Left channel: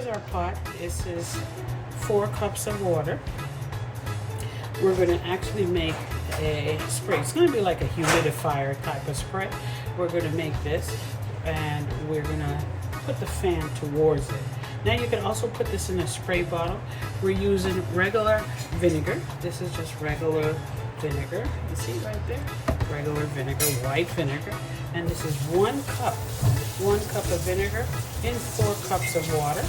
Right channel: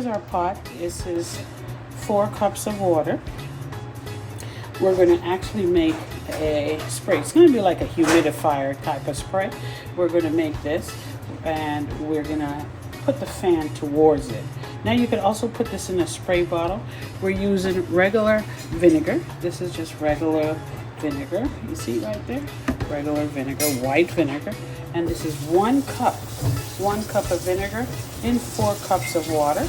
here's our pot. This is 4 cups of water. We're going to actually make a spray. It's going to be like a humidifier type of spray. We're going to make this, and we're going to put the fan towards it. Now you can also put this in a spray bottle. We're using regular vinegar. This is just regular vinegar. You see right there? Regular vinegar, white vinegar. And this is 1 cup. 1 cup of vinegar in 4 cups of water.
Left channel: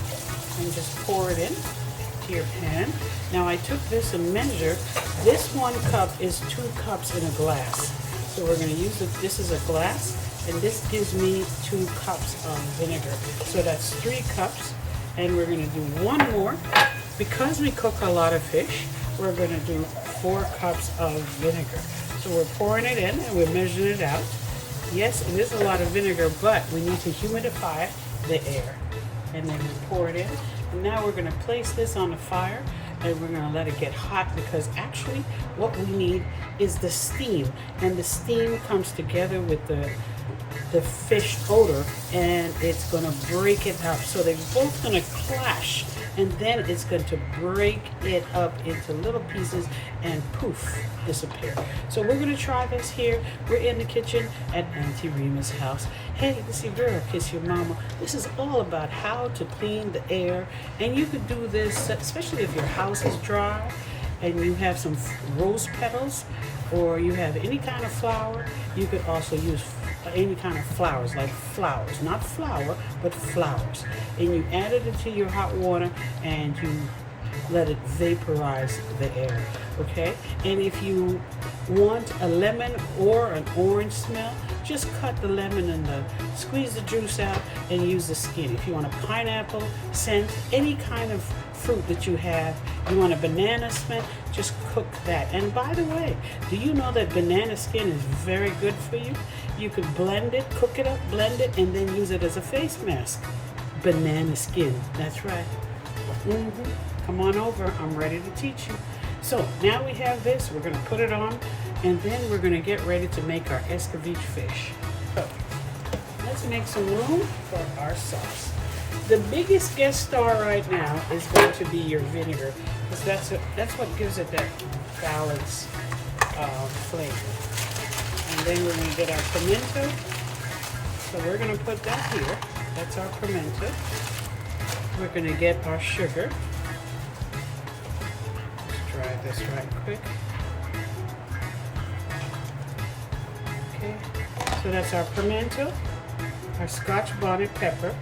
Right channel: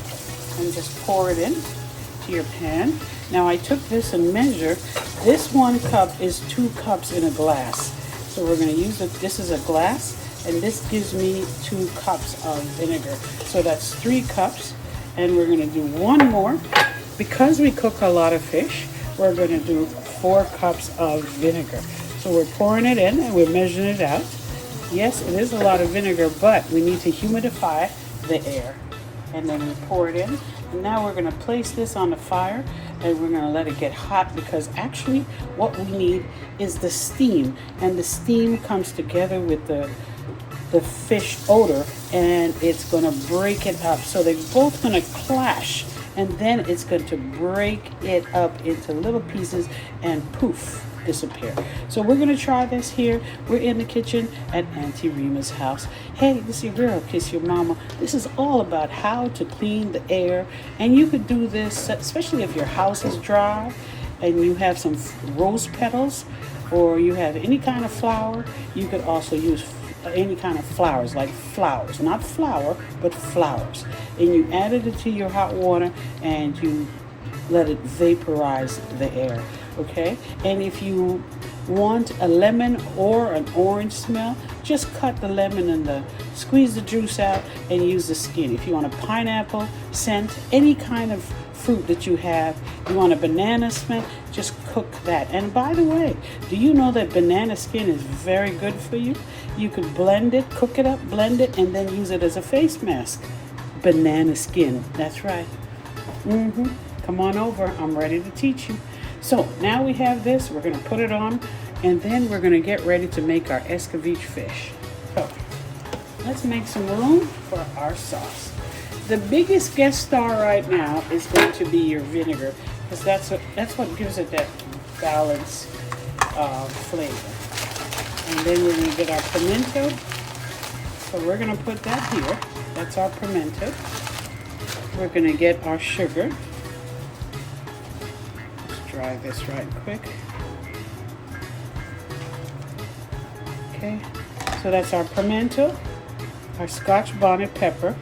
And just pour it in to your pan. Now I took this and measured. This 1 cup is 2 cups in a glass. So we're going to use it. This is a glass, and this gives me 2 cups of vinegar. So that's 3 cups. And we're going to do 1 more. Because we cook a lot of fish, we're going to do 4 cups of vinegar. So we're pouring it in and we're measuring it out. Yes, it is a lot of vinegar, but we need to humidify the air. And then we pour it in. Now we're going to place this on the fire, and we're going to let it get hot, because actually what we need is the steam. And the steam comes together with the fish odor, and it's going to break it up. So they're both going to clash, and then it's going to break it up into little pieces and poof, disappear. So we're going to try this here. We're in the kitchen at Auntie Rima's house. Hey, this is your girl, Kiss Your Mama. This is all about how to clean the air, and you could do this especially if your house is dry and you have some rose petals, or you have any kind of flower. You could also use any kind of flowers, like flowers, not flour, but flowers. And you added it to your hot water, and you let it vaporize the air, okay? And if you want a lemon or an orange smell, just cut the lemon and squeeze the juice out and use the skin. If you want a pineapple scent, any kind of fruit that you have, you want a banana smell, just cook that. And by the way, do you know that banana skin is very good for you? You could blend it, cook it up, blend it, and then use it as a face mask. Banana skin, that's right. Come on over, I'm ready to teach you. So now we have this, we're going to put it on, and then we're going to get ready to make our Escoveitch fish. So let's make some room for our sauce. The biggest guest star right now is going to be your vinegar, because that's what gives it that balanced flavor. And then we're going to get our pimento. So we're going to put that here. That's our pimento. We're going to get our sugar. Let's dry this right quick. Okay, so that's our pimento, our Scotch bonnet pepper,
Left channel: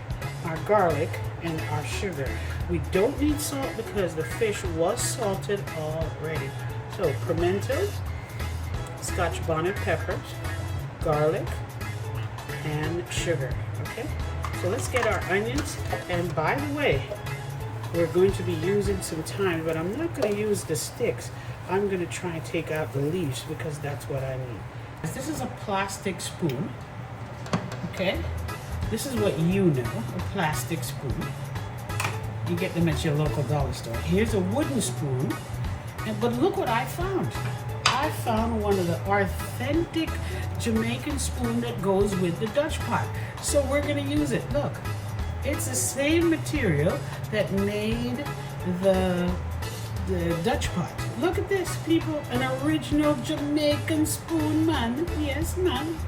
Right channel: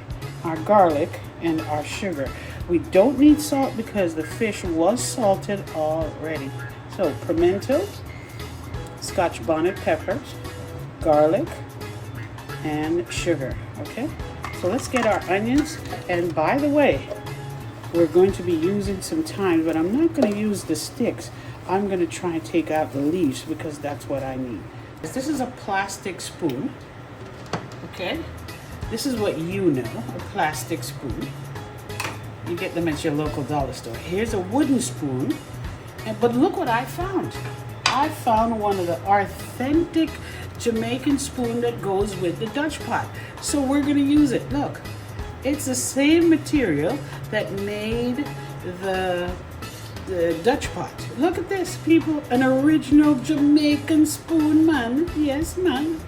our garlic, and our sugar. We don't need salt because the fish was salted already. So pimento, Scotch bonnet peppers, garlic, and sugar. Okay, so let's get our onions. And by the way, we're going to be using some thyme, but I'm not going to use the sticks. I'm going to try and take out the leaves because that's what I need. This is a plastic spoon. Okay, this is what you know, a plastic spoon. You get them at your local dollar store. Here's a wooden spoon, but look what I found. I found one of the authentic Jamaican spoon that goes with the Dutch pot. So we're going to use it. Look, it's the same material that made the Dutch pot. Look at this, people, an original Jamaican spoon, man. Yes, man.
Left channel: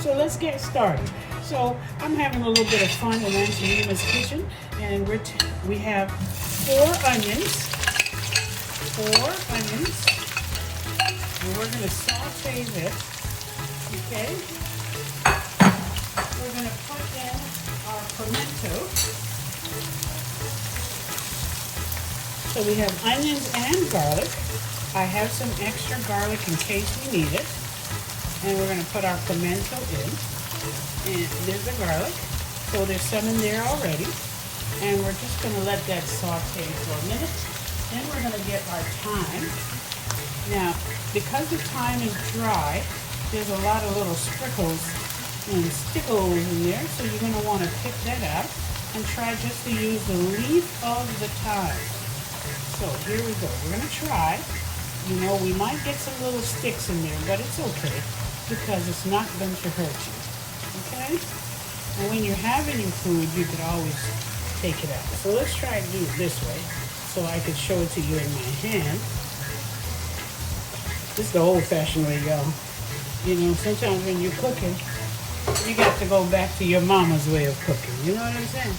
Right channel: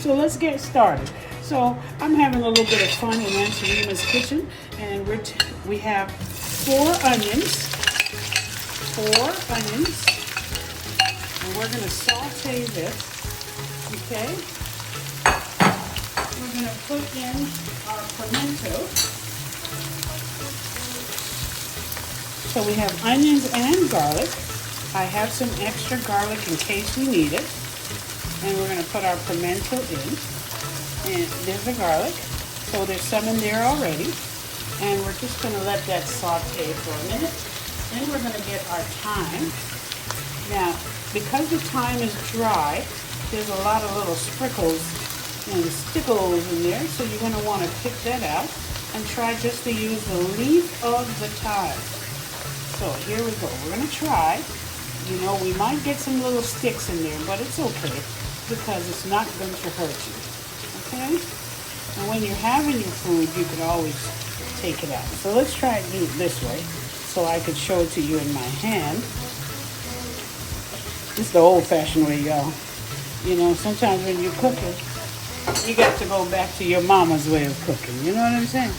So let's get started. So I'm having a little bit of fun in Auntie Rima's kitchen, and we have 4 onions, and we're going to saute this, okay? We're going to put in our pimento. So we have onions and garlic. I have some extra garlic in case we need it. And we're going to put our pimento in. And there's the garlic. So there's some in there already. And we're just going to let that saute for a minute. Then we're going to get our thyme. Now, because the thyme is dry, there's a lot of little sprinkles and stickles in there. So you're going to want to pick that out and try just to use the leaf of the thyme. So here we go. We're going to try. You know, we might get some little sticks in there, but it's okay because it's not going to hurt you. Okay? And when you're having your food, you could always take it out. So let's try and do it this way so I can show it to you in my hand. This is the old-fashioned way, y'all. You know, sometimes when you're cooking, you got to go back to your mama's way of cooking. You know what I'm saying?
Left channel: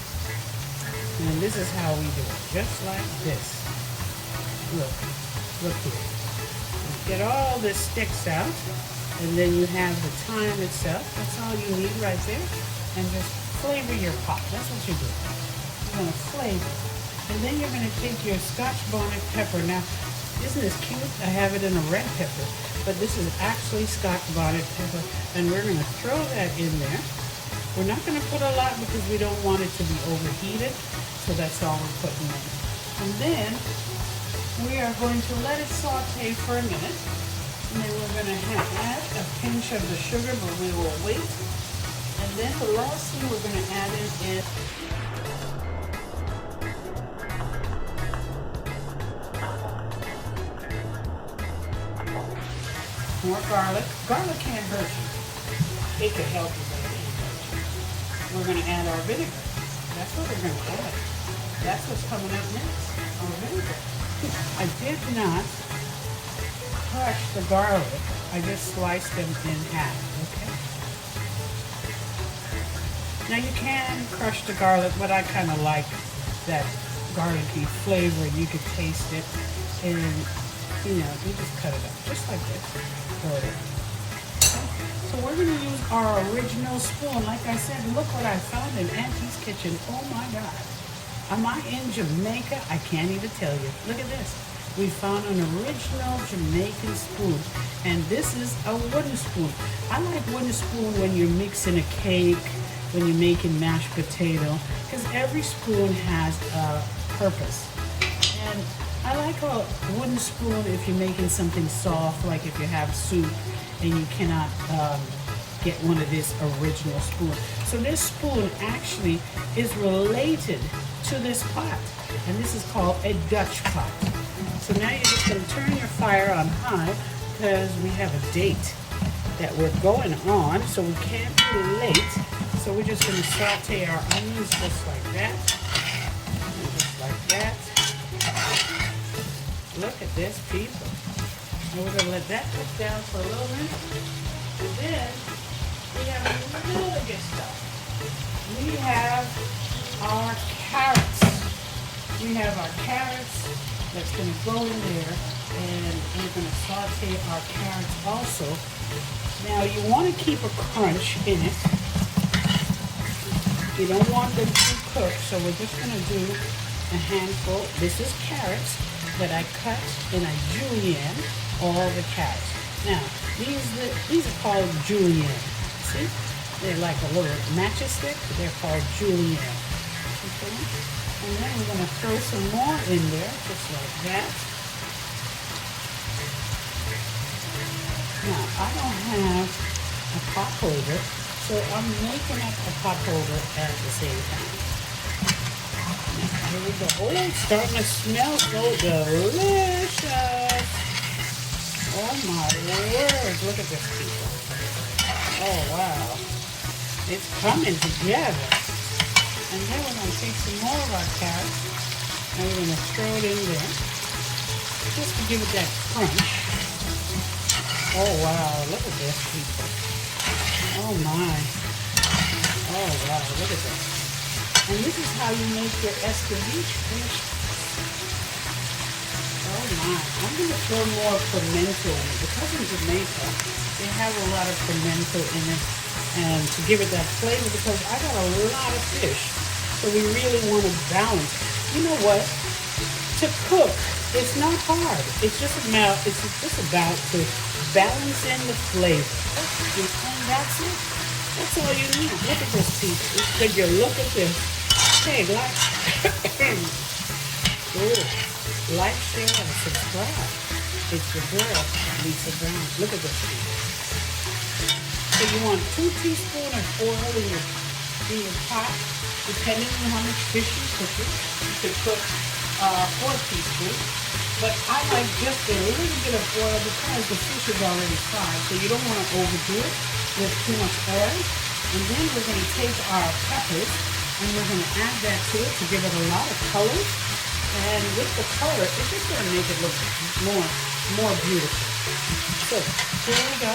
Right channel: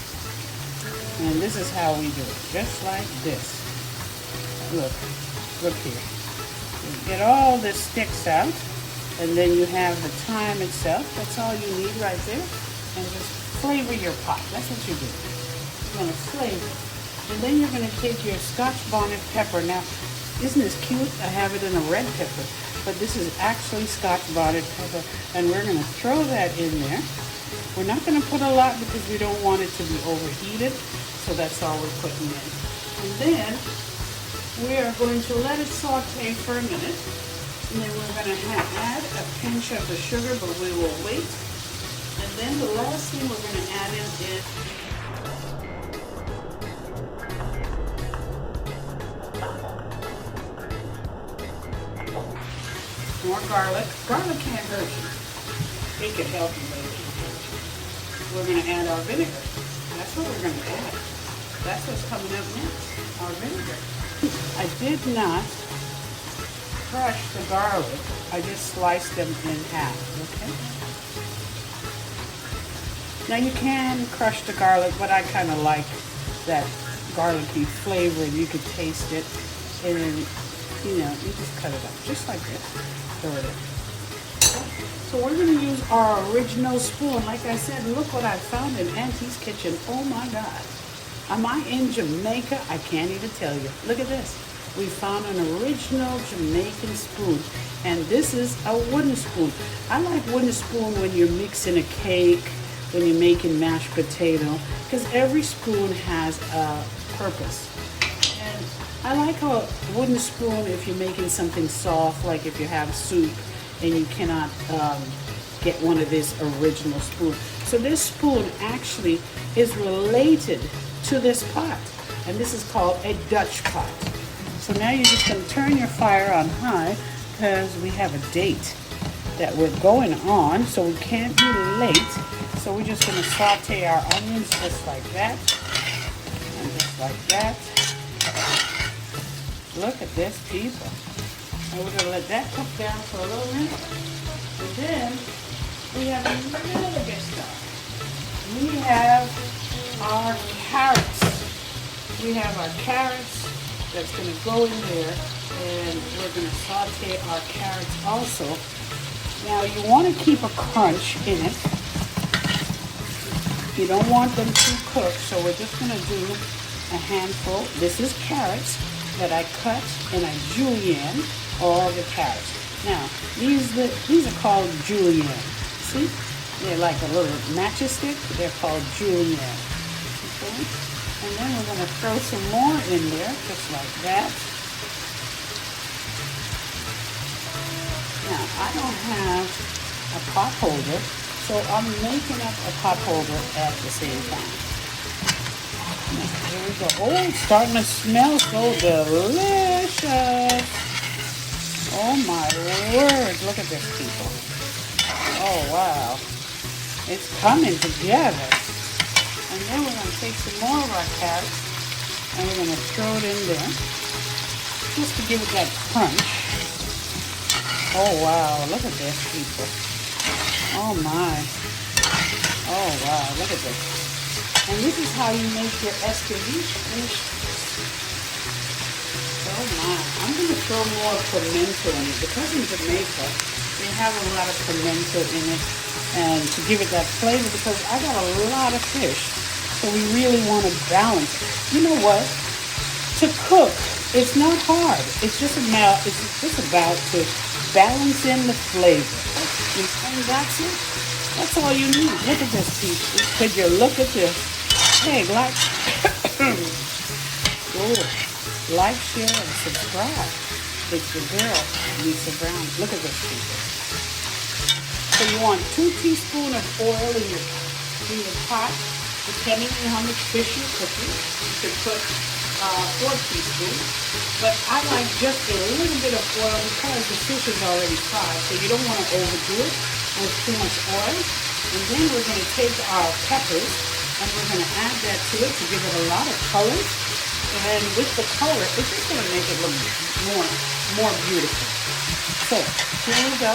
And this is how we do it, just like this. Look here. You get all the sticks out, and then you have the thyme itself. That's all you need right there. And just flavor your pot. That's what you do. You're gonna flavor. And then you're gonna take your Scotch bonnet pepper. Now, isn't this cute? I have it in a red pepper, but this is actually Scotch bonnet pepper, and we're gonna throw that in there. We're not gonna put a lot because we don't want it to be overheated, so that's all we're putting in. And then we are going to let it saute for a minute, and then we're gonna add a pinch of the sugar, but we will wait. And then the last thing we're gonna add in is more garlic. Garlic can't hurt you. It can help you, but it can't hurt you. We're going to add our vinegar. That's what we're going to add. That's what's coming up next, our vinegar. I did not crush the garlic. I just sliced them in half. Okay? Now you can crush the garlic, but I kind of like that garlicky flavor. You could taste it, and you know, you just cut it up just like this. So we're going to use our original spoon. Like I said, look what I found in Auntie's kitchen. Oh my God. Am I in Jamaica? I can't even tell you. Look at this. We found an original Jamaican spoon. And this is a wooden spoon. I like wooden spoon when you're mixing a cake, when you're making mashed potato, because every spoon has a purpose. And I like a wooden spoon if you're making something soft, like if you have soup and you cannot get one of this original spoon. So this spoon actually is related to this pot, and this is called a Dutch pot. So now you're just going to turn your fire on high because we have a date that we're going on, so we can't be late. So we're just going to saute our onions just like that, and just like that. Look at this, people. And we're going to let that cook down for a little minute. And then we have a little bit stuff. We have our carrots. We have our carrots that's going to go in there, and we're going to saute our carrots also. Now you want to keep a crunch in it. You don't want them to cook, so we're just going to do a handful. This is carrots that I cut and I julienne all the carrots. Now, these are called julienne. See? They're like a little matchstick. They're called julienne. Okay? And then we're going to throw some more in there, just like that. Now, I don't have a pot holder, so I'm making up a pot holder at the same time. Here we go. Oh, it's starting to smell so delicious. Oh my word, look at this, people. Oh wow. It's coming together. And then we're going to take some more of our carrots and we're going to throw it in there just to give it that crunch. Oh wow, look at this, people. Oh my. Oh wow, look at this. And this is how you make your escoveitch dish. Oh my. I'm going to throw more pimento in it. Because in Jamaica, they have a lot of pimento in it. And to give it that flavor, because I got a lot of fish. So we really want to balance. You know what? To cook, it's not hard. It's just about to balance in the flavor. And that's it. That's all you need. Look at this, people. Could you look at this? Hey, like, like, share, and subscribe. It's your girl, Lisa Brown. Look at this, people. So you want 2 teaspoons of oil in your pot, depending on how much fish you're cooking. You could cook 4 teaspoons. But I like just a little bit of oil because the fish is already fried. So you don't want to overdo it with too much oil. And then we're going to take our peppers And we're going to add that to it to give it a lot of color. And with the color, it's just going to make it look more beautiful. So here we go.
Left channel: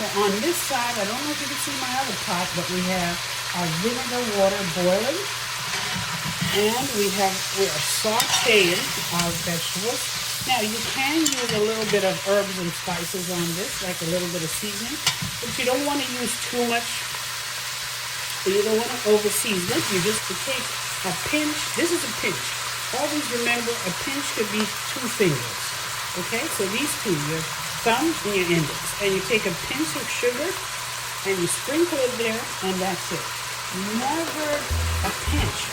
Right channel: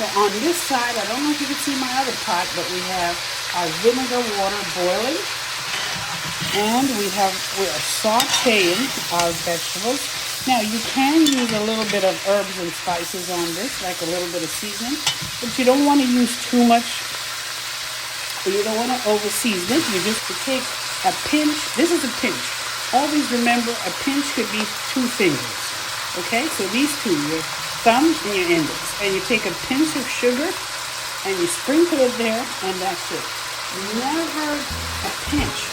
So on this side, I don't know if you can see my other pot, but we have our vinegar water boiling. And we are sauteing our vegetables. Now you can use a little bit of herbs and spices on this, like a little bit of seasoning, but you don't want to use too much. You don't want to over season it. You just take a pinch. This is a pinch. Always remember, a pinch could be 2 fingers. Okay, so these two, your thumb and your index, and you take a pinch of sugar and you sprinkle it there, and that's it. Never a pinch.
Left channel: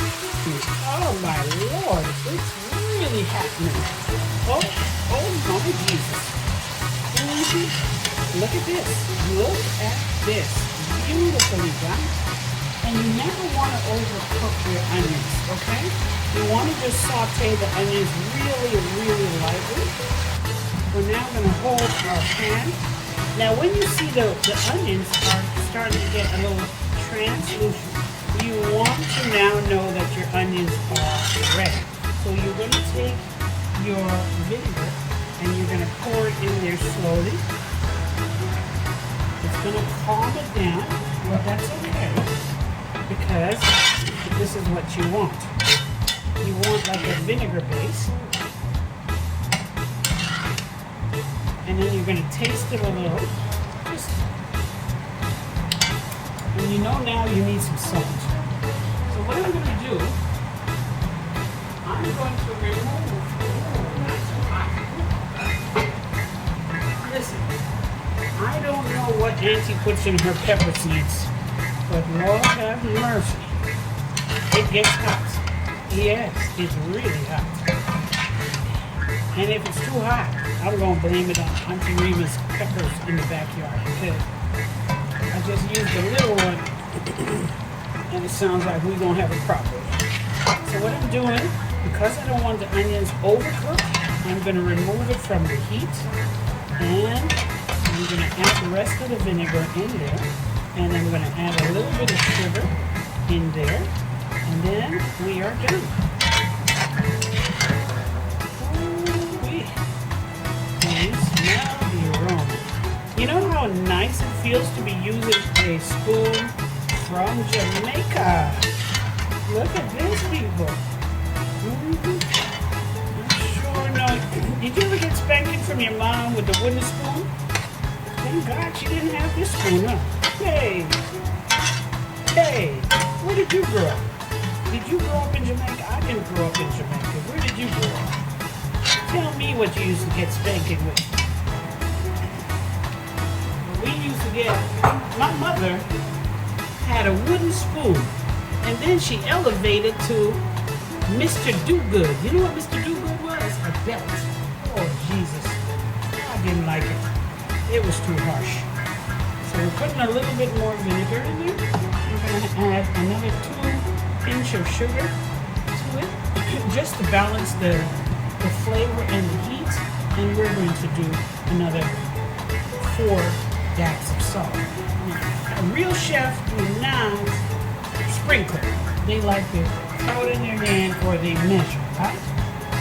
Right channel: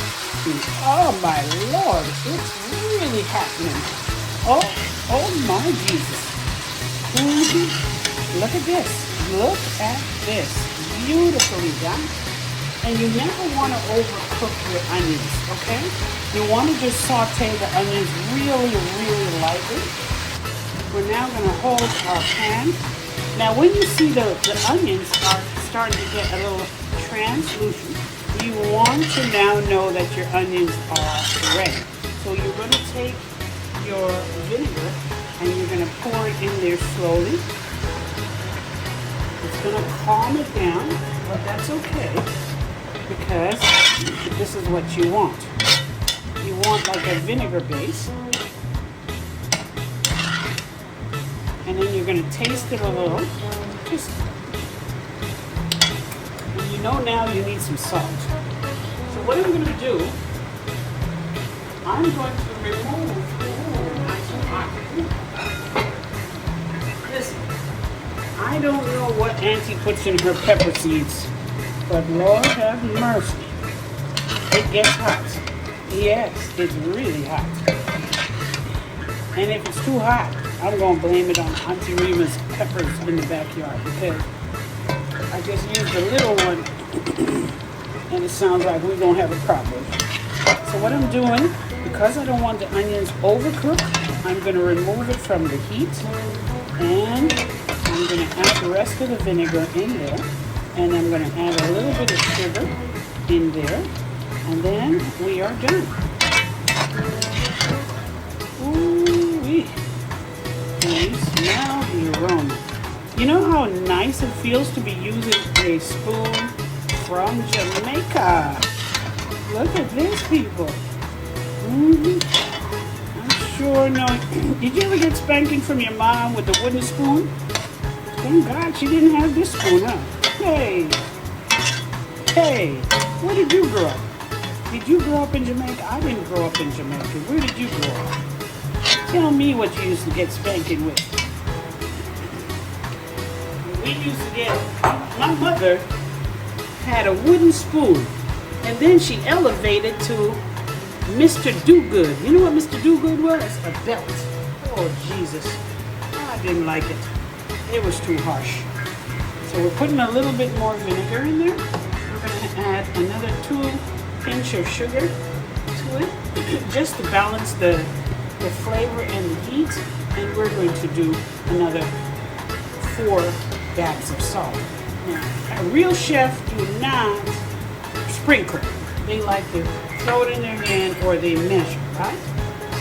Oh my Lord, it's really happening. Oh my Jesus. Look at this. Look at this. Beautifully done. And you never want to overcook your onions, okay? You want to just saute the onions really lightly. We're now going to hold our pan. Now when you see the onions are starting to get a little translucent, you want to now know that your onions are ready. So you're going to take your vinegar and you're going to pour it in there slowly. It's going to calm it down, but that's okay because this is what you want. You want like a vinegar base. And then you're going to taste it a little. And you know now you need some salt. So what I'm going to do, I'm going to remove. Listen, I don't know what Auntie puts in her pepper seeds, but Lord have mercy. It gets hot. Yes, it's really hot. And if it's too hot, I'm going to blame it on Auntie Rima's peppers in the backyard because I just used a little one and it sounds like we're going to have a problem. So what I'm doing, because I don't want the onions overcooked, I'm going to remove it from the heat and I'm going to add the rest of the vinegar in there and I'm going to add a little bit of sugar in there and then we are done. Ooh-wee. And smell the aroma. You know how nice it feels to be using a spoon from Jamaica? Look at this, people. I'm sure no. Did you ever get spanking from your mom with the wooden spoon? Thank God she didn't have this spoon, huh? Hey, where did you grow up? Did you grow up in Jamaica? I didn't grow up in Jamaica. Where did you grow up? Tell me what you used to get spanking with. We used to get, my mother had a wooden spoon, and then she elevated to Mr. Do-Good. You know what Mr. Do-Good was? A belt. Oh, Jesus. I didn't like it. It was too harsh. So we're putting a little bit more vinegar in there. We're going to add another 2 pinch of sugar to it, just to balance the flavor and the heat. And we're going to do another 4 bags of salt. Now, a real chef do not sprinkle. They like to throw it in their hand or they measure, right?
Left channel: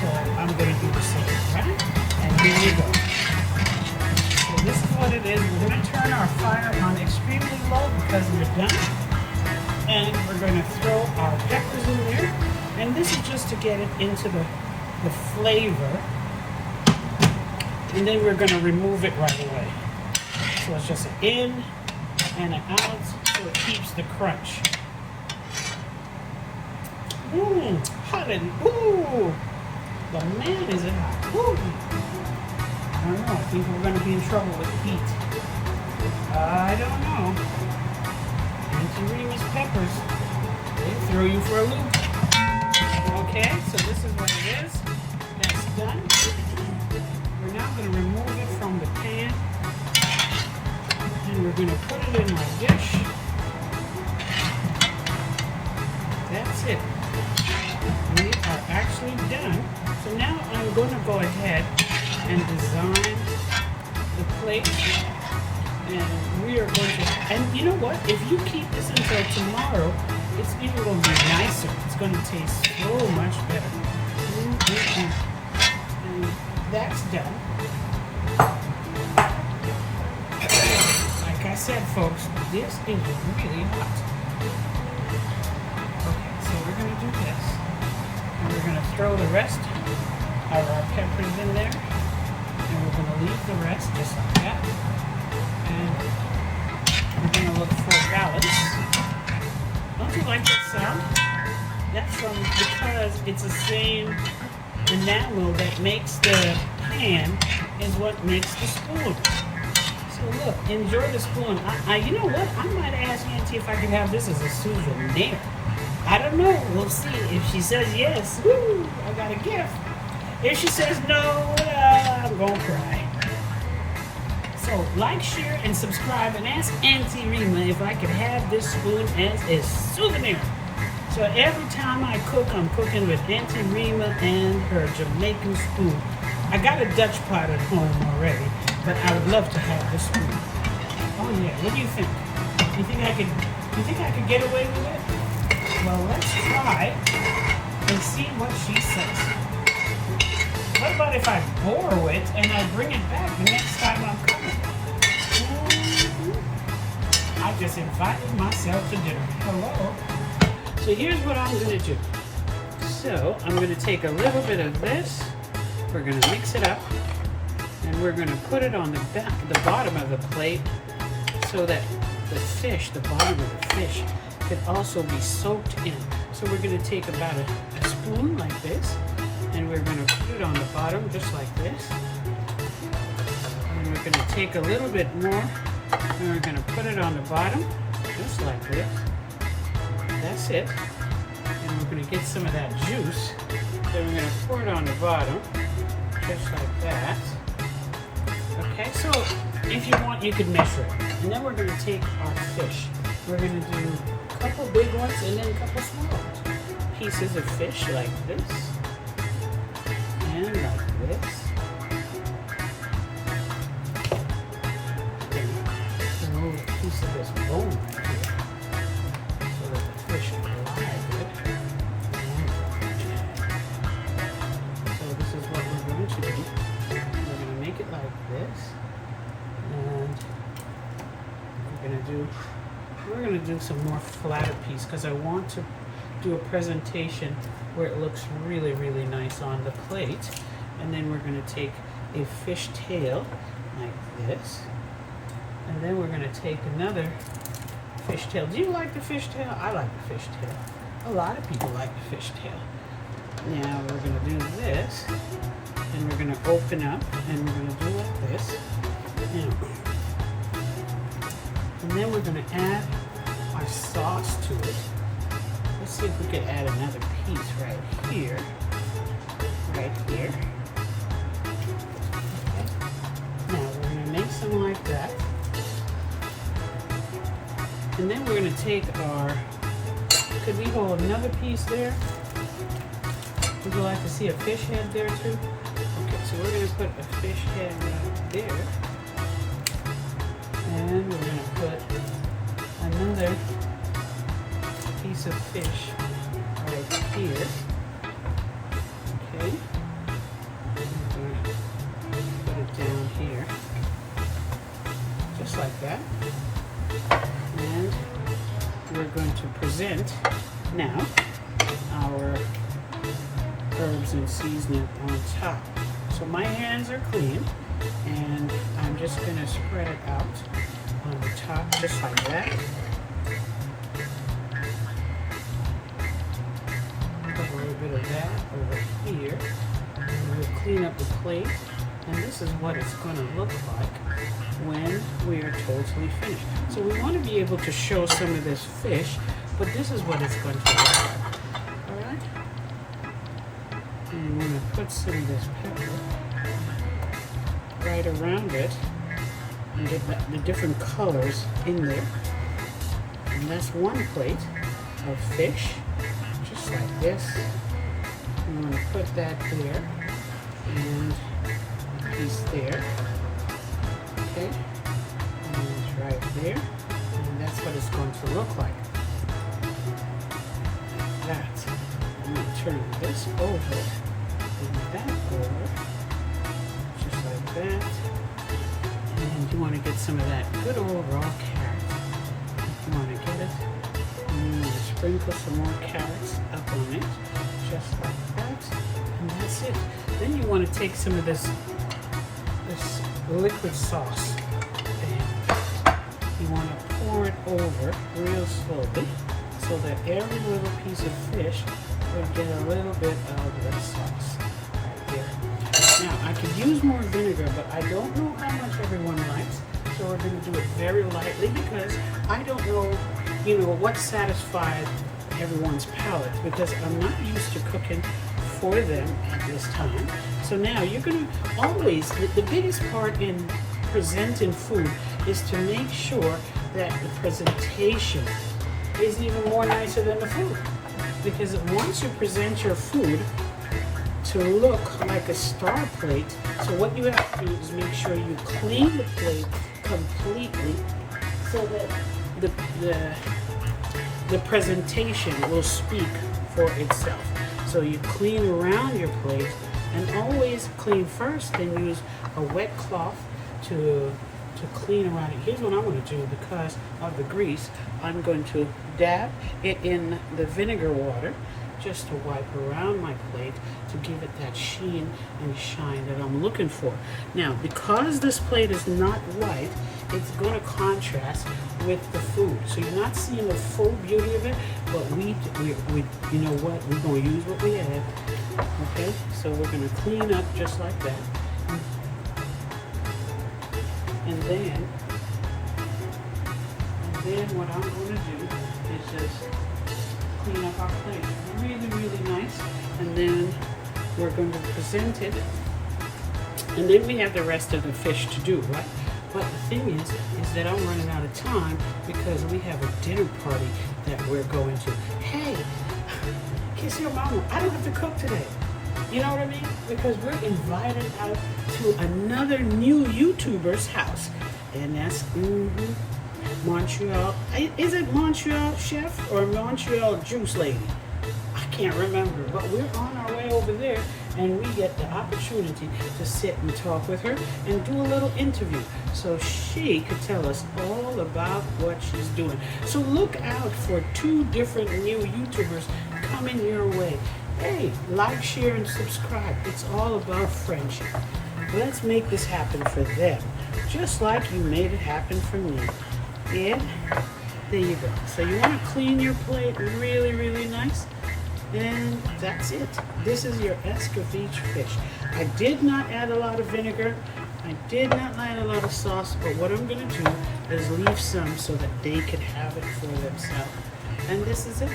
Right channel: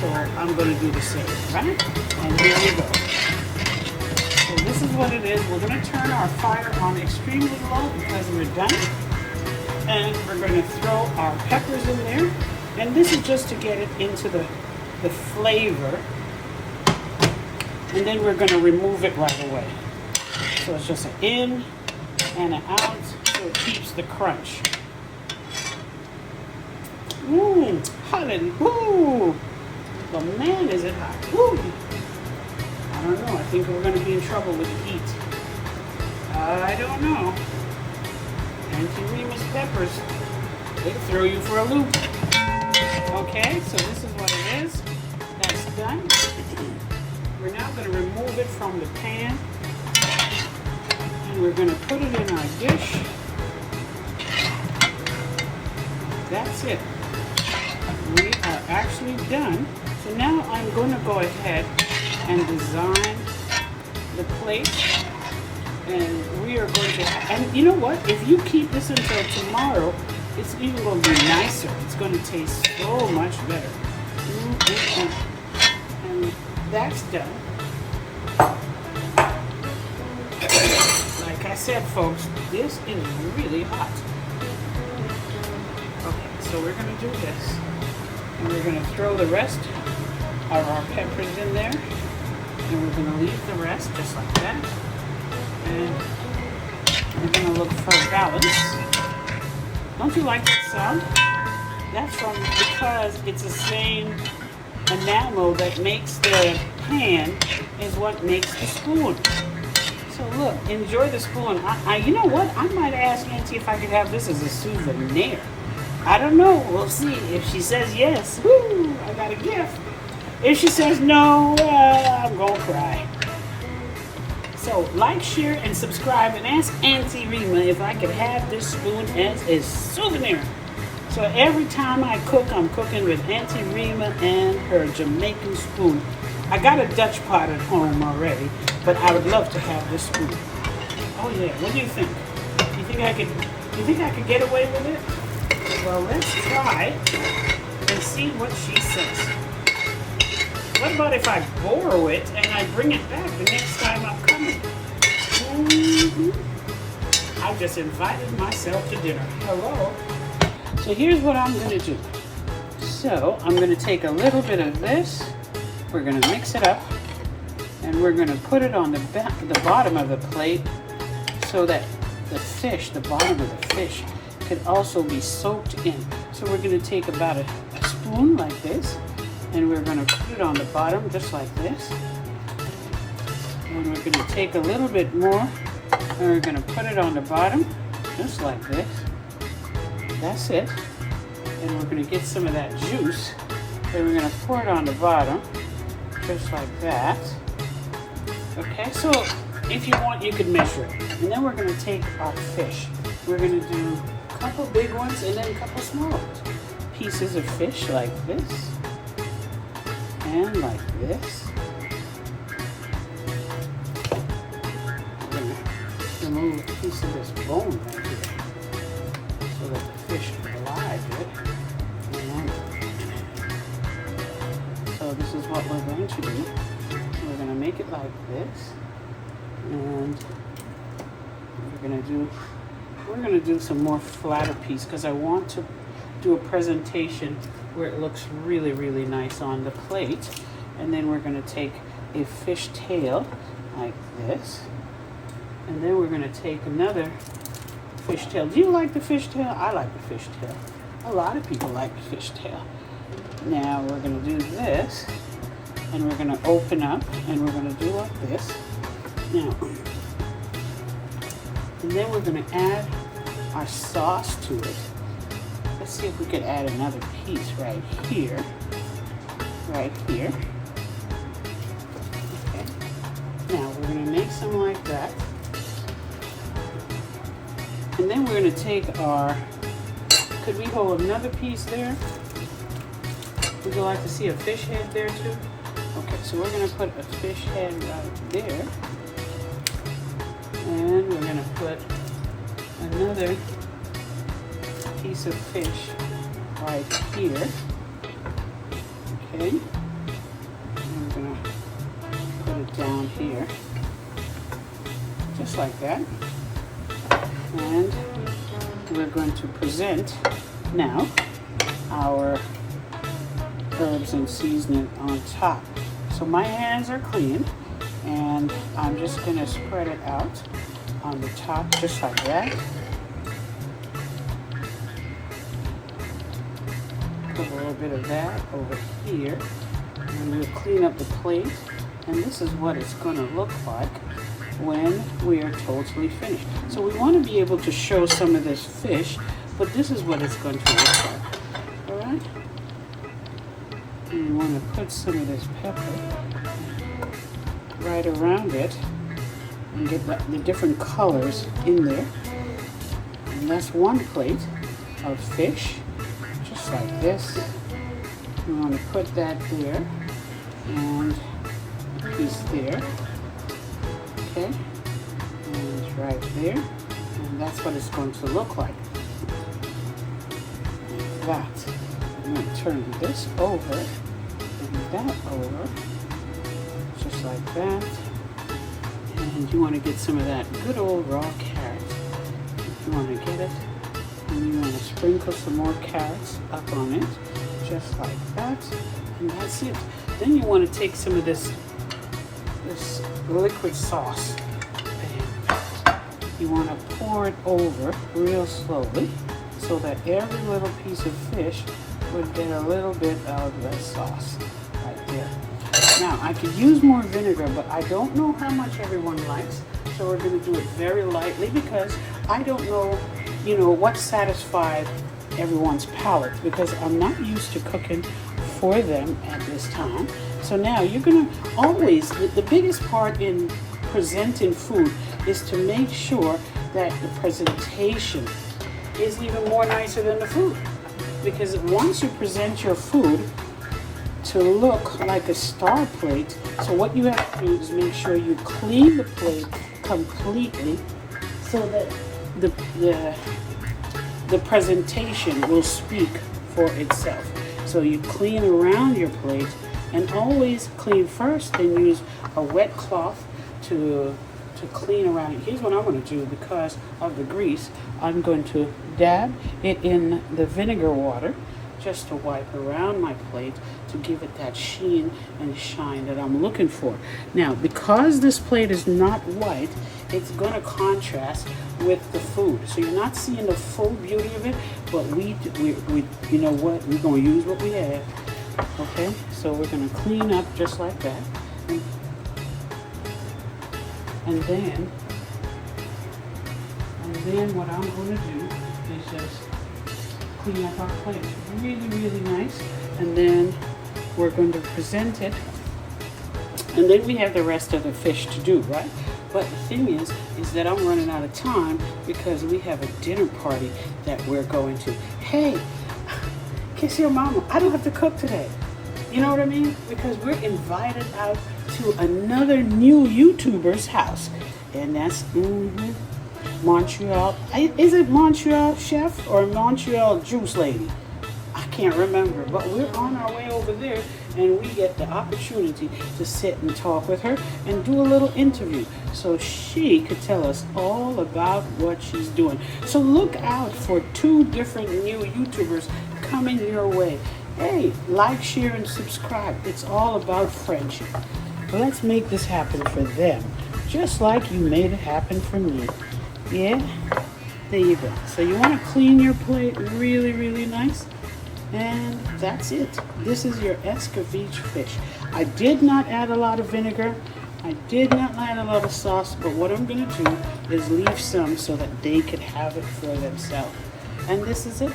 So I'm going to do the same, right? And here we go. So this is what it is. We're going to turn our fire on extremely low because we're done. And we're going to throw our peppers in there. And this is just to get it into the flavor. And then we're going to remove it right away. So it's just an in and an out so it keeps the crunch. Hallelujah. Ooh, the man is it hot. Ooh. I don't know. I think we're going to be in trouble with the heat. I don't know. Auntie Rima's peppers, they throw you for a loop. Okay, so this is what it is. That's done. We're now going to remove it from the pan. And we're going to put it in our dish. That's it. We are actually done. So now I'm going to go ahead and design the plate. And we are going to, and you know what? If you keep this until tomorrow, it's even going to be nicer. It's going to taste so much better. And that's done. Like I said, folks, this is really hot. Okay, so we're going to do this. And we're going to throw the rest of our peppers in there. And we're going to leave the rest just like that. And we're going to look for balance. Don't you like that sound? That's because it's the same enamel that makes the pan is what makes the spoon. So look, enjoy the spoon. You know what? I might ask Auntie if I could have this as a souvenir. I don't know. We'll see. If she says yes, woo, I got a gift. If she says no, I'm gonna cry. So like, share, and subscribe, and ask Auntie Rima if I could have this spoon as a souvenir. So every time I cook, I'm cooking with Auntie Rima and her Jamaican spoon. I got a Dutch pot at home already, but I would love to have this spoon. Oh yeah, what do you think? Do you think I could get away with it? Well, let's try and see what she says. What about if I borrow it and I bring it back the next time I'm coming? I just invited myself to dinner. Hello. So here's what I'm going to do. So I'm going to take a little bit of this. We're going to mix it up. And we're going to put it on the bottom of the plate so that the fish, the bottom of the fish, could also be soaked in. So we're going to take about a spoon like this. And we're going to put it on the bottom just like this. And we're going to take a little bit more and we're going to put it on the bottom just like this. That's it. And we're going to get some of that juice. And we're going to pour it on the bottom just like that. Okay, so if you want, you can measure it. And then we're going to take our fish. We're going to do a couple big ones and then a couple small ones. Pieces of fish like this. And like this. Remove a piece of this bone right here so that the fish glides it. So this is what we're going to do. We're going to make it like this. And we're going to do some more flatter piece because I want to do a presentation where it looks really, really nice on the plate. And then we're going to take a fish tail like this. And then we're going to take another fish tail. Do you like the fish tail? I like the fish tail. A lot of people like the fish tail. Now we're going to do this. And we're going to open up. And we're going to do like this. Now. And then we're going to add our sauce to it. Let's see if we could add another piece right here. Right here. Okay. Now we're going to make some like that. And then we're going to take our, could we hold another piece there? Would you like to see a fish head there too? Okay, so we're going to put a fish head right there. And we're going to put another piece of fish right here. Okay. And we're going to put it down here. Just like that. And we're going to present now our herbs and seasoning on top. So my hands are clean and I'm just going to spread it out on the top just like that. Put a little bit of that over here and we'll clean up the plate, and this is what it's going to look like when we are totally finished. So we want to be able to show some of this fish, but this is what it's going to look like. Alright? And you want to put some of this pepper right around it and get the different colors in there. And that's one plate of fish, just like this. You want to put that there and a piece there. Okay, and it's right there, and that's what it's going to look like. that. I'm going to turn this over and that over, just like that. And you want to get some of that good old raw carrot. You want to get it, and you want to sprinkle some more carrots up on it, just like that. And that's it. Then you want to take some of this liquid sauce. And you want to pour it over real slowly so that every little piece of fish would get a little bit of the sauce right there. Now, I could use more vinegar, but I don't know how much everyone likes, so we're going to do it very lightly because I don't know, what satisfies everyone's palate, because I'm not used to cooking for them at this time. So now you're going to always, the biggest part in presenting food is to make sure that the presentation is even more nicer than the food. Because once you present your food to look like a star plate, so what you have to do is make sure you clean the plate completely so that the presentation will speak for itself. So you clean around your plate, and always clean first and use a wet cloth to clean around it. Here's what I'm going to do because of the grease. I'm going to dab it in the vinegar water just to wipe around my plate to give it that sheen and shine that I'm looking for. Now, because this plate is not white, it's going to contrast with the food. So you're not seeing the full beauty of it, but we you know what? We're going to use what we have. Okay, so we're going to clean up just like that. And then what I'm going to do is just clean up our plate really, really nice. And then we're going to present it. And then we have the rest of the fish to do, right? But the thing is that I'm running out of time because we have a dinner party that we're going to. Hey, kiss your mama. I don't have to cook today. You know what I mean? Because we're invited out to another new YouTuber's house. And that's Montreal. Is it Montreal Chef or Montreal Juice Lady? I can't remember. But we're on our way over there. And we get the opportunity to sit and talk with her and do a little interview so she could tell us all about what she's doing. So look out for 2 different new YouTubers coming your way. Hey, like, share, and subscribe. It's all about friendship. Let's make this happen for them, just like you made it happen for me. Yeah? There you go. So you want to clean your plate really, really nice. And that's it. This is your Escoveitch fish. I did not add a lot of vinegar. I did not add a lot of sauce, but what I'm going to do is leave some so that they can have it for themselves. And this is it.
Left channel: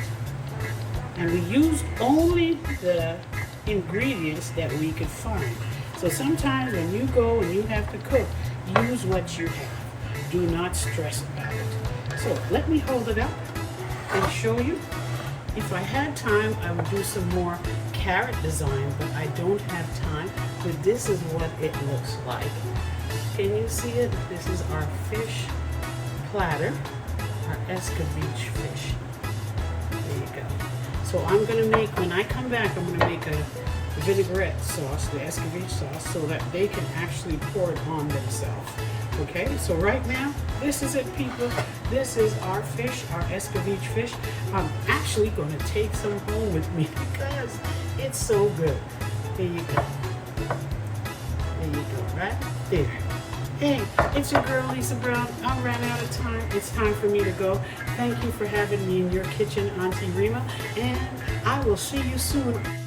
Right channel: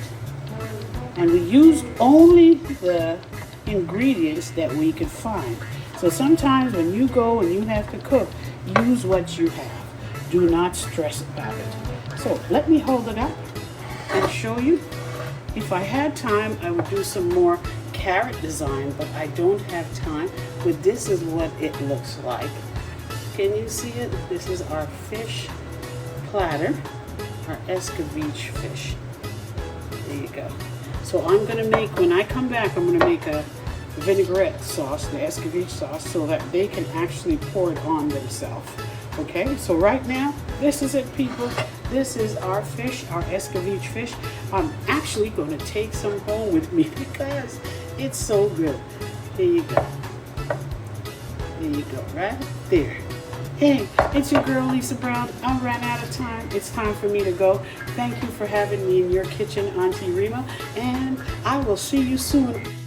And we use only the ingredients that we could find. So sometimes when you go and you have to cook, use what you have. Do not stress about it. So let me hold it up and show you. If I had time, I would do some more carrot design, but I don't have time. But this is what it looks like. Can you see it? This is our fish platter, our Escoveitch fish. There you go. So I'm going to make, when I come back, I'm going to make a vinaigrette sauce, the Escoveitch sauce, so that they can actually pour it on themselves. Okay, so right now, this is it, people. This is our fish, our Escoveitch fish. I'm actually going to take some home with me because it's so good. There you go. There you go, right there. Hey, it's your girl, Lisa Brown. I ran out of time. It's time for me to go. Thank you for having me in your kitchen, Auntie Rima, and I will see you soon.